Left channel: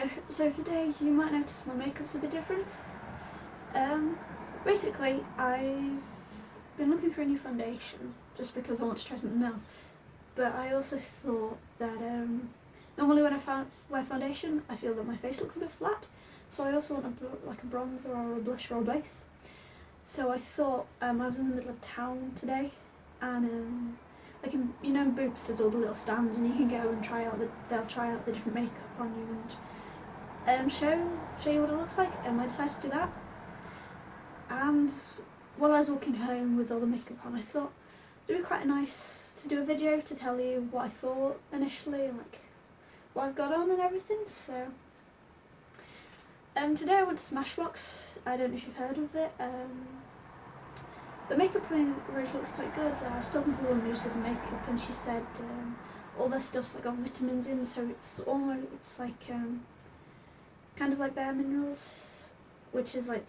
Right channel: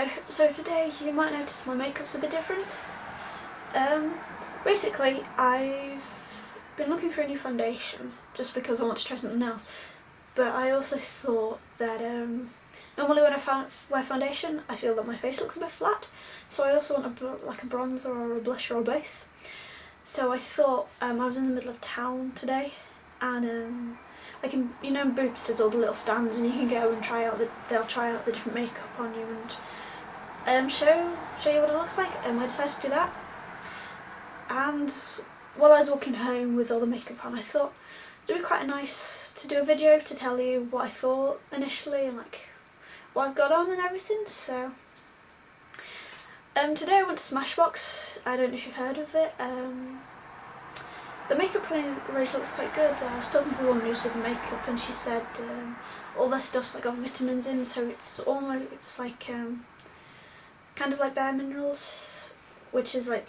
Hello, so today you might notice my makeup's a bit different. Basically I've been looking for a new foundation just because I want to try something else, but I also thought that normally when I wear foundation I feel that my face looks a bit flat, so I also want like a bronzer or a blusher or both. So I thought I was in the middle of town today, and like in Boots there's all the little stands and you can go and they'll try out the different makeup on you and show you what it looks like, and I decided to do that. And while I was walking home with all the makeup on, I thought it'd be quite nice to do a video to tell you what I thought initially and like what I've got on and everything. So today I went to Smashbox. I don't know if you've heard of it. The makeup range looks quite good. I was talking to the woman who's did the makeup and she said all their stuff's like got vitamins in, so it's like kind of like Bare Minerals, which is like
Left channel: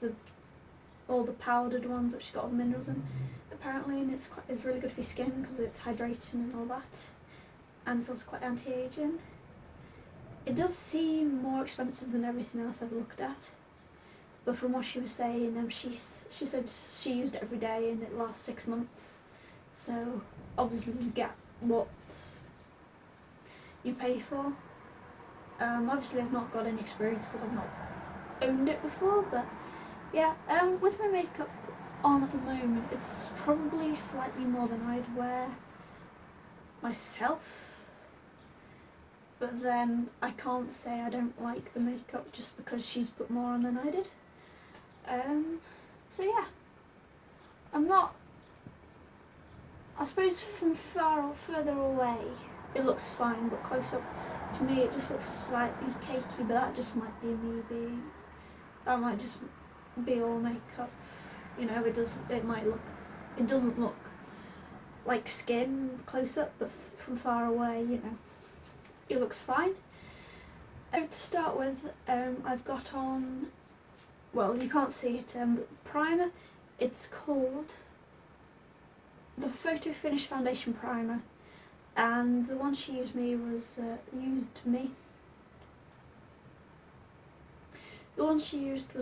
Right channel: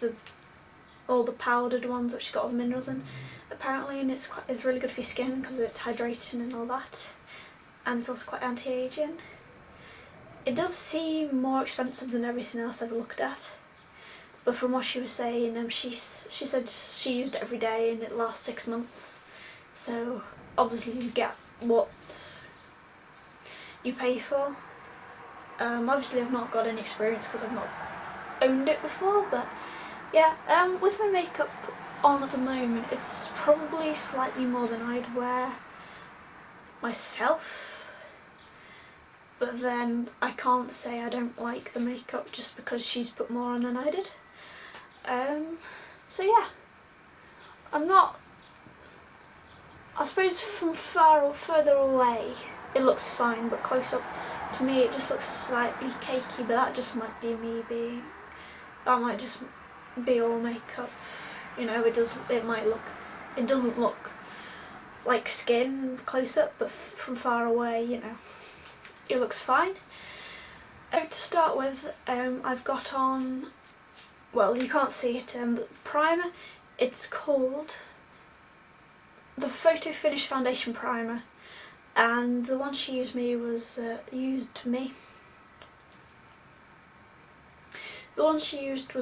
all the powdered ones which got all the minerals in apparently, and it's really good for your skin because it's hydrating and all that, and it's also quite anti-aging. It does seem more expensive than everything else I've looked at, but from what she was saying, she said she used it every day and it lasts 6 months, so obviously you get what you pay for. Obviously I've not got any experience because I've not owned it before, but yeah, with my makeup on at the moment, it's probably slightly more than I'd wear myself, but then I can't say I don't like the makeup just because she's put more on than I did. So yeah, I suppose from further away it looks fine, but close up to me it just looks slightly cakey, but that just might be me that might just be all makeup, it doesn't look like skin close up, but from far away, it looks fine. To start with, I've got on, well, you can't see it, the primer. It's called the Photo Finish Foundation Primer, and the one she used was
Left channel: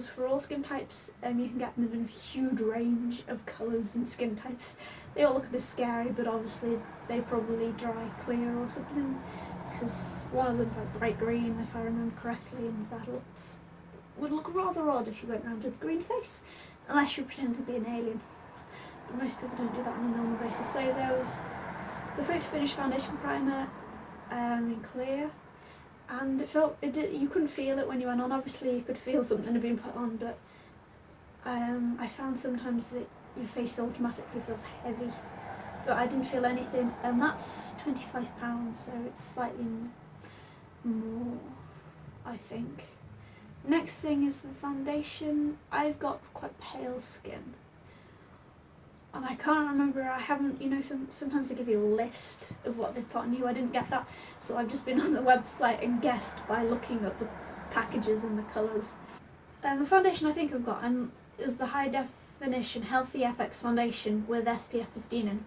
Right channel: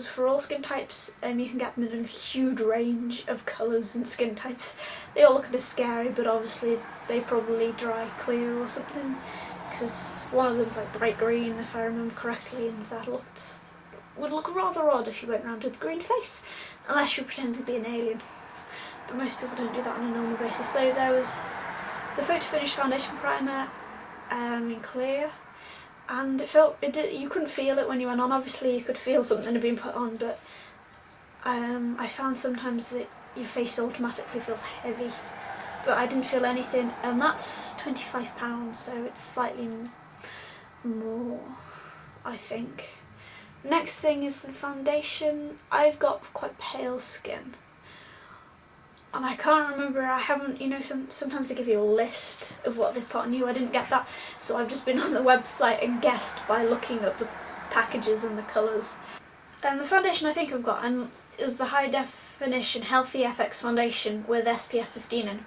for all skin types. You can get them in a huge range of colours and skin types. They all look a bit scary, but obviously they probably dry clear or something, because one of them's like bright green if I remember correctly, and that would look rather odd if you went around with a green face, unless you pretend to be an alien, but most people don't do that on a normal basis. So there was the Photo Finish Foundation Primer in clear, and you couldn't feel it when you went on. Obviously you could feel something had been put on, but I found sometimes that your face automatically feels heavy, but I didn't feel anything, and that's £25, so it's slightly more, I think. Next thing is the foundation. I've got quite pale skin, and I can't remember, I haven't, sometimes they give you a list of what they've put on you. I didn't get that, so I've just been on the website and guessed by looking at the packages and the colours. The foundation I think I've got is the High Definition Healthy FX Foundation with SPF 15 in.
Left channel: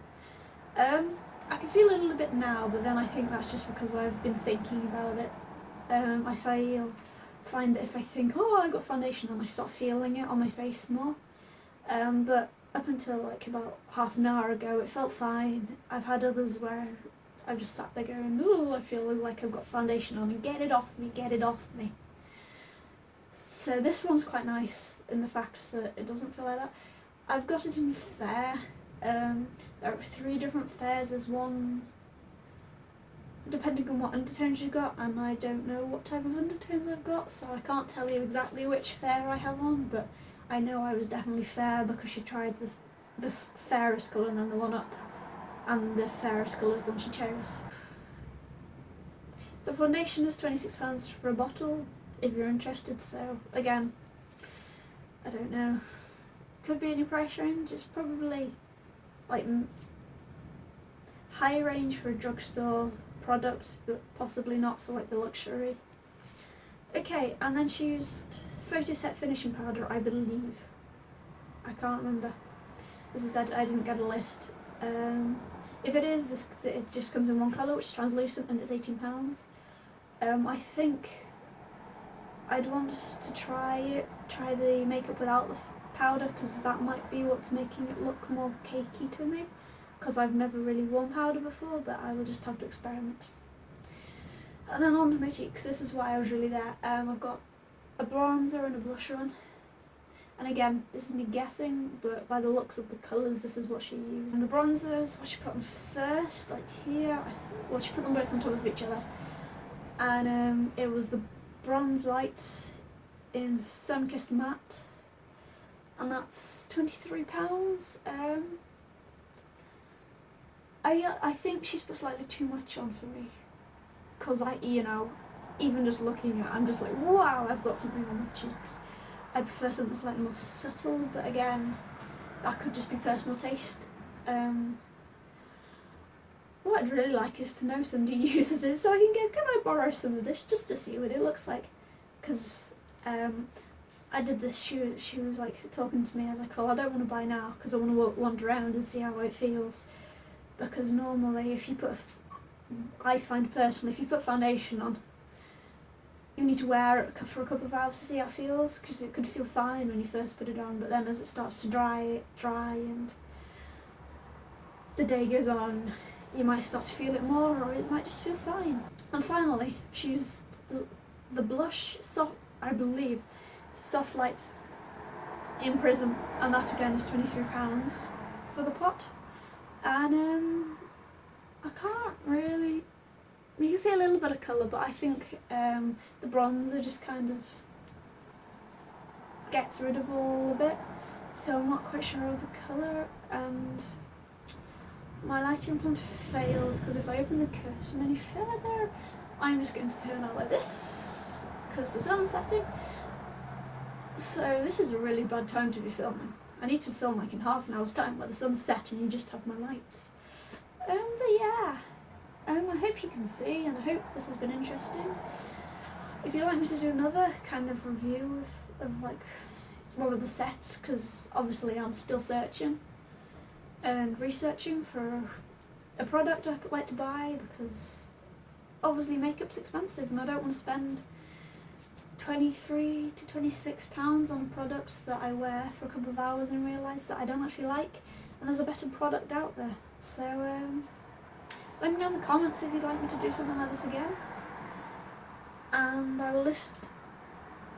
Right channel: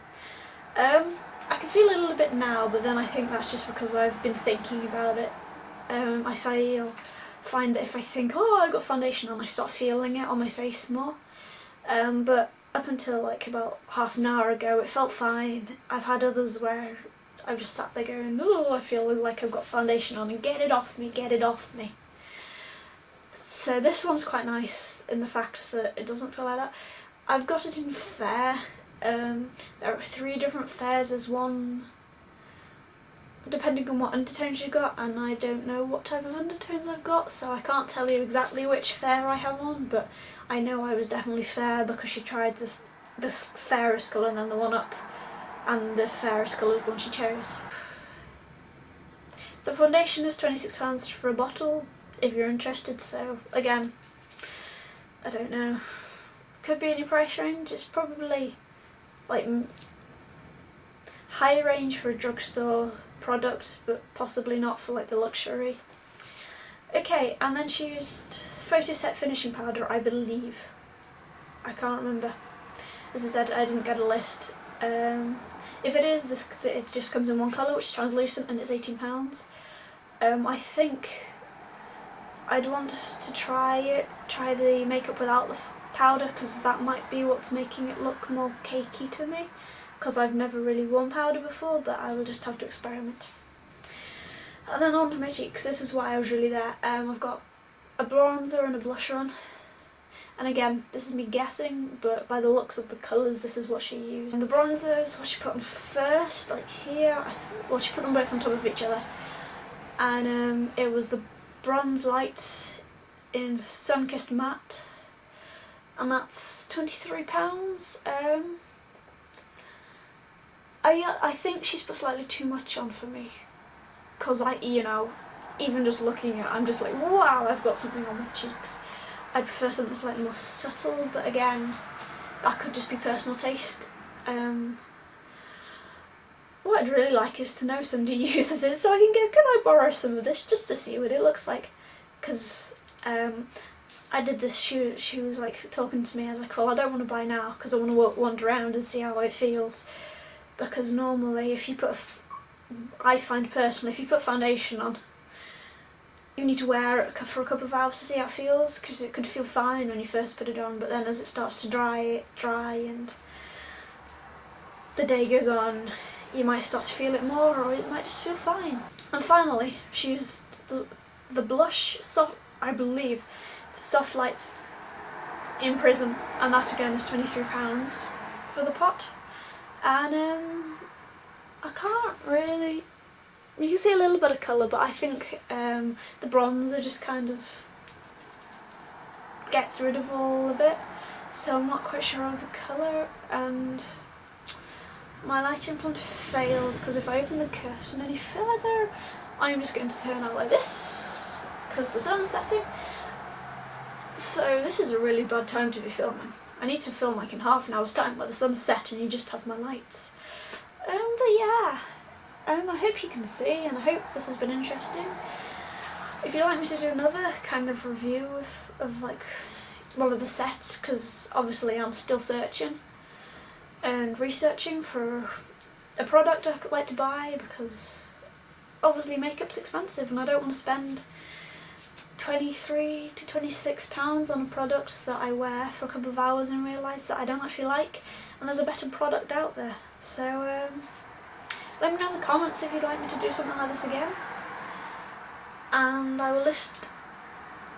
I can feel it a little bit now, but then I think that's just because I've been thinking about it. I find that if I think, oh, I've got foundation on, I start feeling it on my face more. But up until like about half an hour ago it felt fine. I've had others where I've just sat there going, oh, I feel like I've got foundation on, and get it off me. So this one's quite nice in the fact that it doesn't feel like that. I've got it in fair. There are 3 different fairs. There's one depending on what undertones you've got, and I don't know what type of undertones I've got, so I can't tell you exactly which fair I have on, but I know I was definitely fair because she tried the fairest colour and then the one up, and the fairest colour is the one she chose. The foundation is £26 for a bottle if you're interested, so again, I don't know, could be in your price range. It's probably like high range for a drugstore product, but possibly not for like the luxury. Okay, and then she used Photo Set Finishing Powder, I believe. I can't remember. As I said, I didn't get a list. If it is, it just comes in one colour, which is translucent, and it's £18. I think I'd want to try the makeup without the powder, because that might be what's making it look more cakey to me, because I've never really worn powder before, but I will just have to experiment. And then on to my cheeks. This is why I was really there. I've got a bronzer and a blusher on. And again, this is me guessing, but by the looks of the colours, this is what she used. And the bronzers, what she put on first, like here, well, she put them both on top of each other. And it was the Bronze Light in Sun-Kissed Matte. And that's £23. I think she's put slightly too much on for me. Because even just looking at it, I'm just like, wow, I've got something on my cheeks. I'd prefer something slightly more subtle, but again, that could just be personal taste. What I'd really like is to know somebody uses it, so I can I borrow some of this just to see what it looks like? Because I did this, she was like talking to me, I was like, well, I don't want to buy now because I want to wander around and see how it feels. Because normally I find personally, if you put foundation on, you need to wear it for a couple of hours to see how it feels, because it could feel fine when you first put it on, but then as it starts to dry and the day goes on, you might start to feel it more, or it might just feel fine. And finally, she used the blush, I believe, Soft Lights in Prism, and that again is £23 for the pot. And I can't really, you can see a little bit of colour, but I think the bronzer just kind of gets rid of all of it, so I'm not quite sure of the colour. And my lighting plan failed, because if I open the curtain any further, I'm just going to turn out like this, because the sun's setting. So this is a really bad time to be filming. I need to film like in half an hour's time where the sun's set and you just have my lights. But yeah. I hope you can see, and I hope this has been interesting. If you'd like me to do another kind of review of like one of the sets, because obviously I'm still searching and researching for a product I'd like to buy, because obviously makeup's expensive and I don't want to spend £23 to £26 on a product that I wear for a couple of hours and realise that I don't actually like, and there's a better product out there. So let me know in the comments if you'd like me to do something like this again, and I will list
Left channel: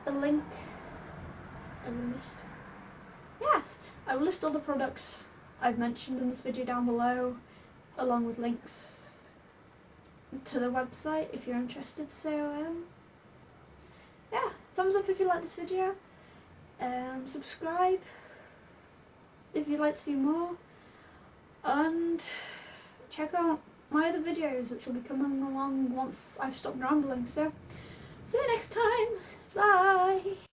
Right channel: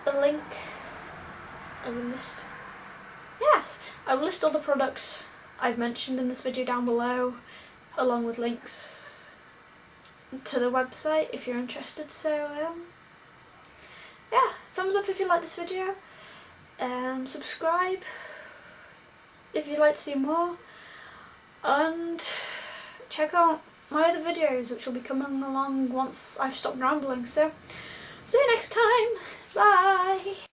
a link. I will list all the products I've mentioned in this video down below, along with links to the website if you're interested. So yeah, thumbs up if you like this video, subscribe if you'd like to see more, and check out my other videos, which will be coming along once I've stopped rambling. So see you next time, bye!